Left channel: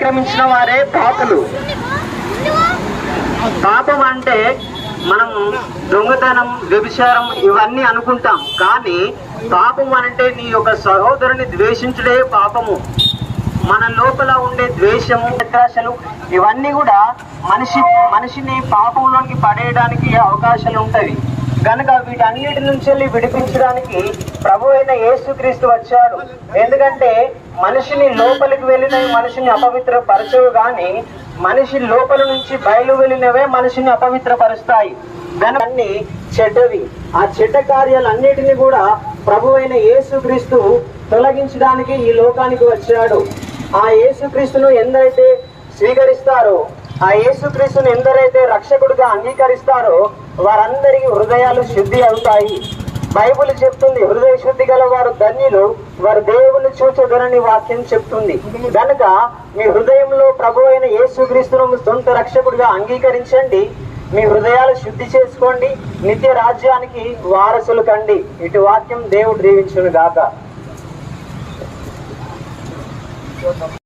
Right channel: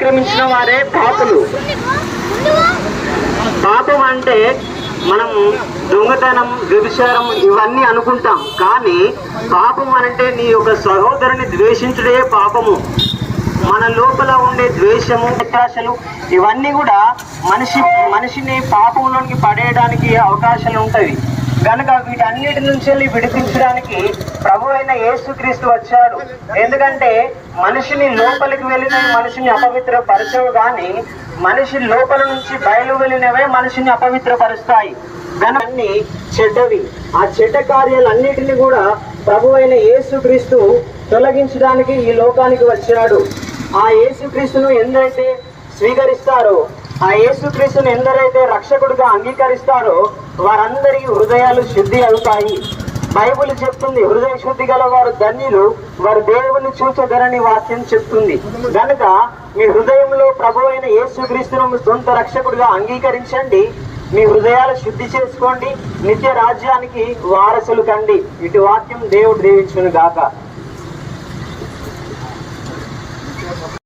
అతిక్రమించిన వారే పాపులు. పాపం అంటే మనం దొంగతనం, వ్యభిచారం ఇవన్నీ అనుకుంటాం, కానీ పాపం అంటే నీ యొక్క సహోదరుని ద్వేషించుడే పాపము. మన లోపల ఉండే ద్వేషము, వ్యత్యాసాలు ఇవన్నీ కూడా మనిషిని పాపంలోకి పడేయడానికి అవకాశాలు ఉంటాయి. కనుక వీటన్నిటి నుంచి విడిపించడానికి ప్రభు అయిన యేసుక్రీస్తు వచ్చాడు. ఎందుకంటే మనిషిని లోపలికి వెళ్ళిన మనిషిని అపవిత్రపరచవు, కానీ మనిషి లోపల నుంచి బయలు వెళ్ళినవే మనిషిని అపవిత్రపరుస్తాయి. అన్ని చెడ్డవి. ఆ చెడ్డ కార్యాలన్నిటినీ కూడా ప్రభు అయిన యేసుక్రీస్తు తొలగించడానికి ఈ లోకానికి వచ్చాడు. ఆ యేసుక్రీస్తును ఎందరైతే స్వీకరిస్తారో, ఆ యేసుక్రీస్తును ఎందరైతే రక్షకుడిగా అంగీకరిస్తారో వారందరికీ హృదయాలు శుద్ధి అవుతాయి. బైబిల్ చెప్తుంది, హృదయ శుద్ధి గల వారు ధన్యులు, వారు దేవుని చూచెదరని వాక్యం చెప్తుంది. కనుక మీ హృదయంలో ప్రభు అయిన యేసుక్రీస్తును సొంత రక్షకుడిగా అంగీకరించండి, మీ హృదయాలు శుద్ధి చేసుకోండి, నిత్య రాజ్యానికి వారసులు కండి. ఇటు వాక్యం దేవుడు దీవించును గాక.